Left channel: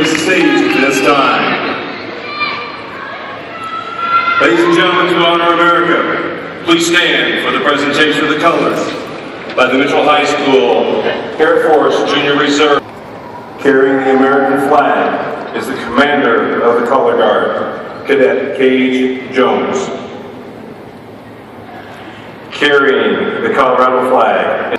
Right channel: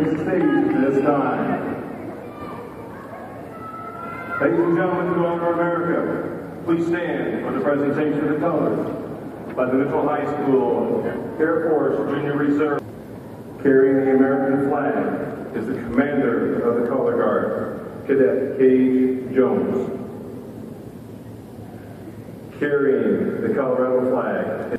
grace the stage at this time. Ladies and gentlemen, to honor America, please stand for the presentation of the colors by the Mitchell High School Air Force Junior Reserve. Carrying the American flag is the commander of the Color Guard, Cadet Gage Jones. Carrying the Colorado flag.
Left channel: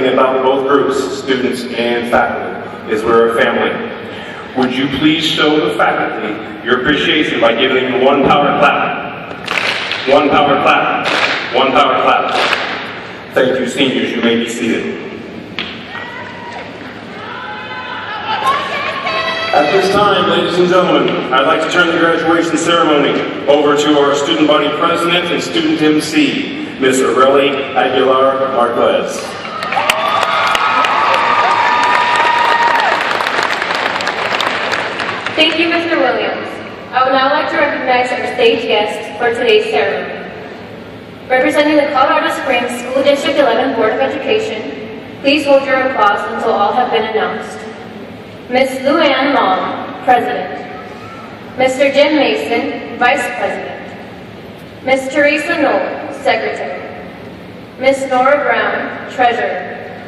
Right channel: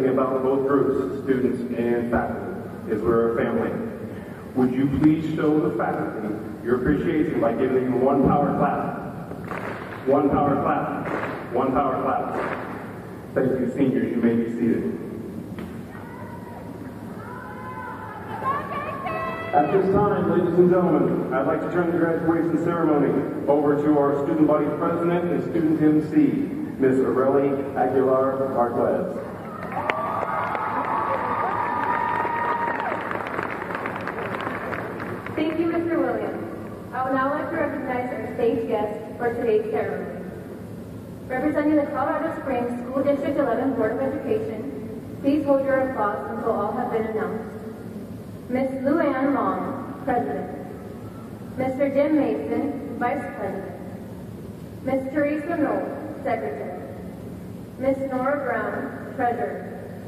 About both groups, students and faculty, is we're a family. Would you please show the faculty your appreciation by giving them one power clap? One power clap. One power clap. Thank you, seniors. You may be seated. At this time, ladies and gentlemen, I'd like to turn the graduation ceremony over to our student body president and student MC, Ms. Aurelie Aguilar Marquez. Thank you, Mr. Williams. I would now like to recognize our stage guest for today's ceremony. Representing the Colorado Springs School District 11 Board of Education, please hold your applause until all have been announced. Ms. Luann Long, President. Mr. Jim Mason, Vice President. Ms. Teresa Knoll, Secretary. Ms. Nora Brown, Treasurer.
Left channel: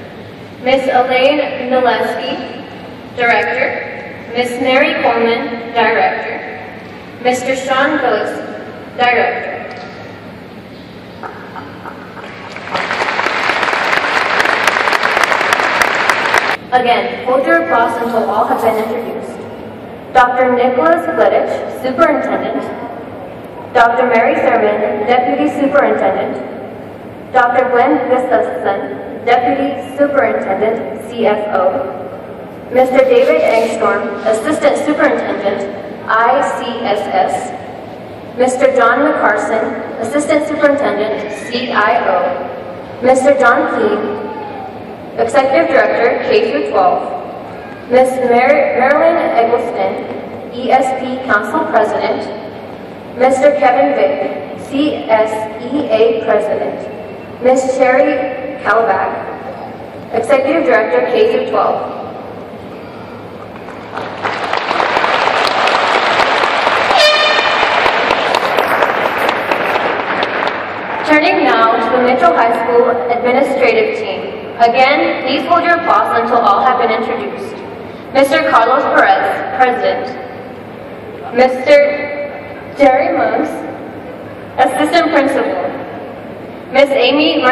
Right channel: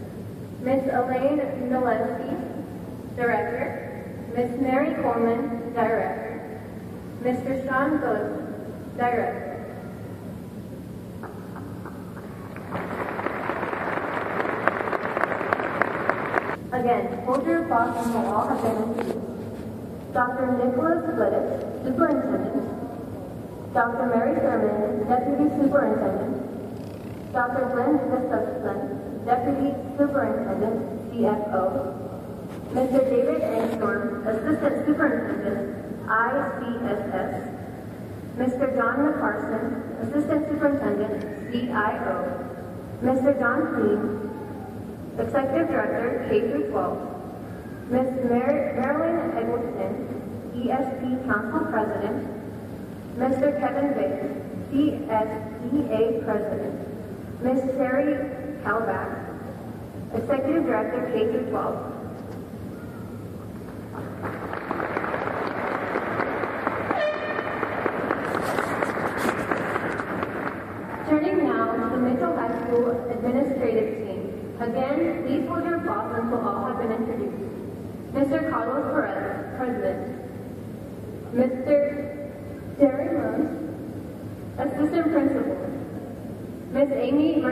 Ms. Elaine Mileski, Director. Ms. Mary Coleman, Director. Mr. Sean Phillips, Director. Again, hold your applause until all have been introduced. Dr. Nicholas Glidich, Superintendent. Dr. Mary Thurman, Deputy Superintendent. Dr. Glenn Gustafson, Deputy Superintendent, CFO. Mr. David Angstorm, Assistant Superintendent, ICSS. Mr. John McCarson, Assistant Superintendent, CIO. Mr. John Keene, Executive Director, K-12. Ms. Marilyn Eggleston, ESP Council President. Mr. Kevin Vick, CSEA President. Ms. Sherry Kalbach, Executive Director, K-12. Turning now to the Mitchell High School administrative team. Again, please hold your applause until all have been introduced. Mr. Carlos Perez, President. Mr. Jerry Moose, Assistant Principal. Ms. Amy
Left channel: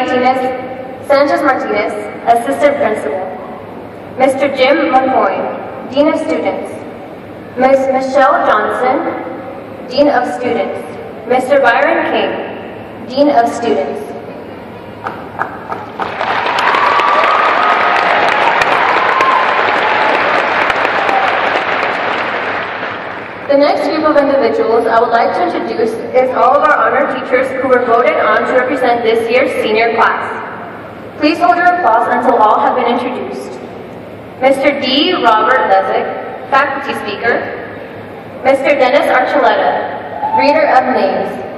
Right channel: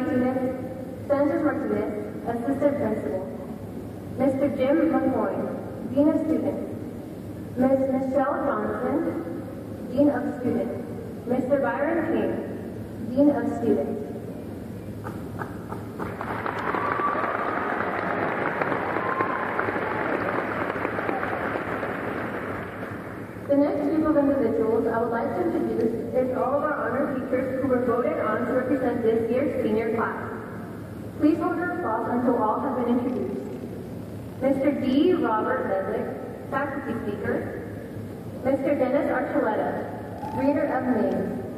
Sanchez Martinez, Assistant Principal. Mr. Jim McCoy, Dean of Students. Ms. Michelle Johnson, Dean of Students. Mr. Byron King, Dean of Students. The next group of individuals I would like to introduce is all of our honored teachers who were voted on to represent this year's senior class. Please hold your applause until all have been introduced. Mr. D. Robert Lezick, Faculty Speaker. Mr. Dennis Archuleta, Reader of Names.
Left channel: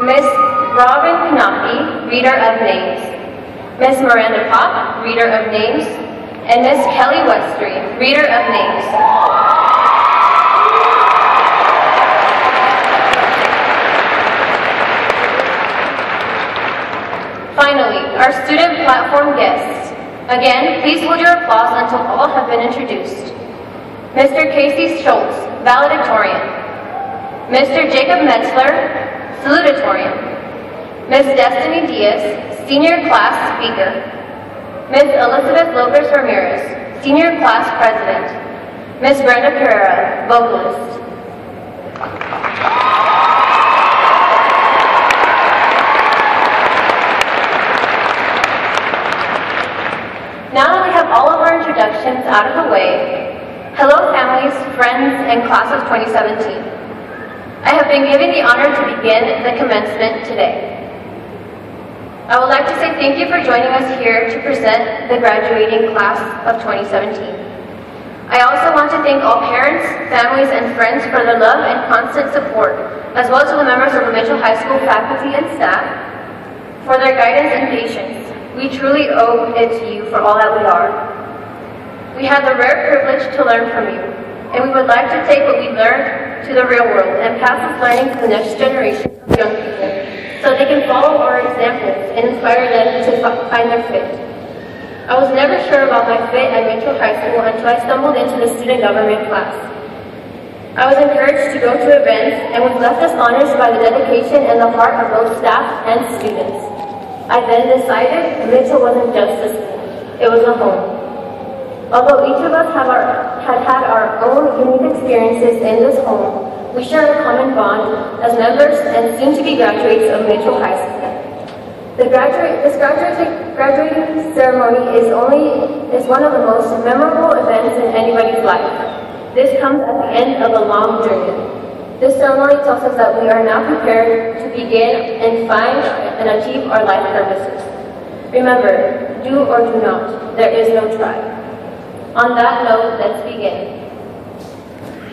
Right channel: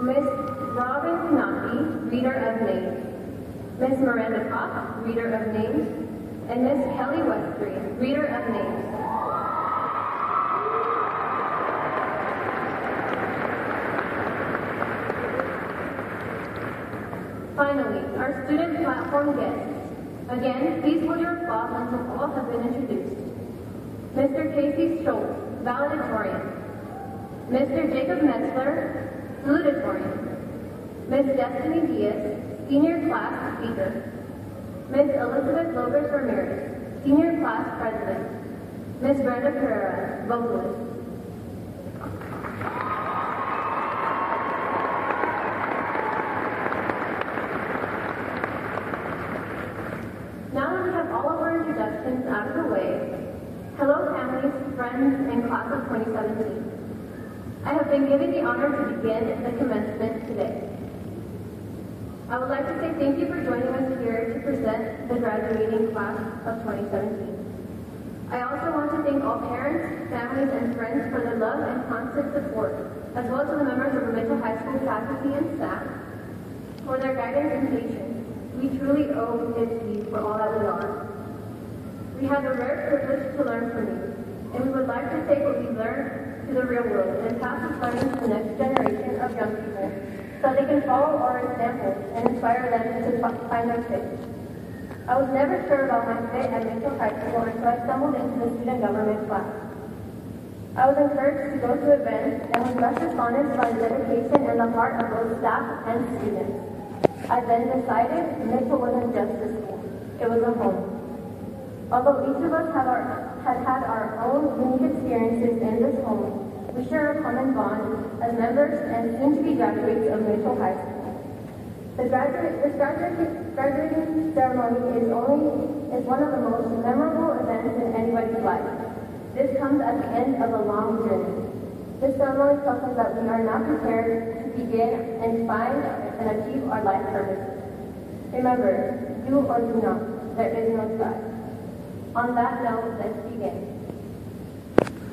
Ms. Robin Knappe, Reader of Names. Ms. Miranda Pop, Reader of Names. And Ms. Kelly Westry, Reader of Names. Finally, our student platform guests. Again, please hold your applause until all have been introduced. Mr. Casey Schultz, valedictorian. Mr. Jacob Metzler, salutatorian. Ms. Destiny Diaz, senior class speaker. Ms. Elizabeth Lopez Ramirez, senior class president. Ms. Brenda Pereira, vocalist. Now that we have all of our introductions out of the way, hello families, friends, and class of 2017. I have been given the honor to begin the commencement today. I would like to say thank you for joining us here to present the graduating class of 2017. I also want to thank all parents, families, and friends for their love and constant support, as well as to the members of the Mitchell High School faculty and staff for their guidance and patience. We truly owe it to you for all that we are. We had the rare privilege to learn from you, and we would like to take what we learned to the real world and pass this learning to the next generation of young people so they can follow our examples and inspire them to find their fit. I was never sure about my fit at Mitchell High School until I stumbled into the student government class. I was encouraged to go to events and was left astonished by the dedication and the heart of both staff and students. I then decided Mitchell wasn't just a school, it was a home. Although each of us had had our own unique experiences in this home, we share a common bond as members and soon-to-be graduates of Mitchell High School. This graduating ceremony is one of the most memorable events in anybody's life. This comes at the end of a long journey. This ceremony tells us that we are now prepared to begin and find and achieve our life purposes. Remember, do or do not, there is no try. On that note, let's begin.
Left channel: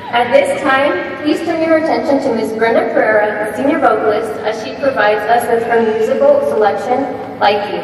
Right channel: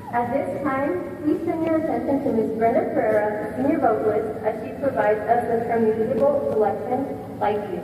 At this time, please turn your attention to Ms. Brenda Pereira, senior vocalist, as she provides us with her musical selection, Like You.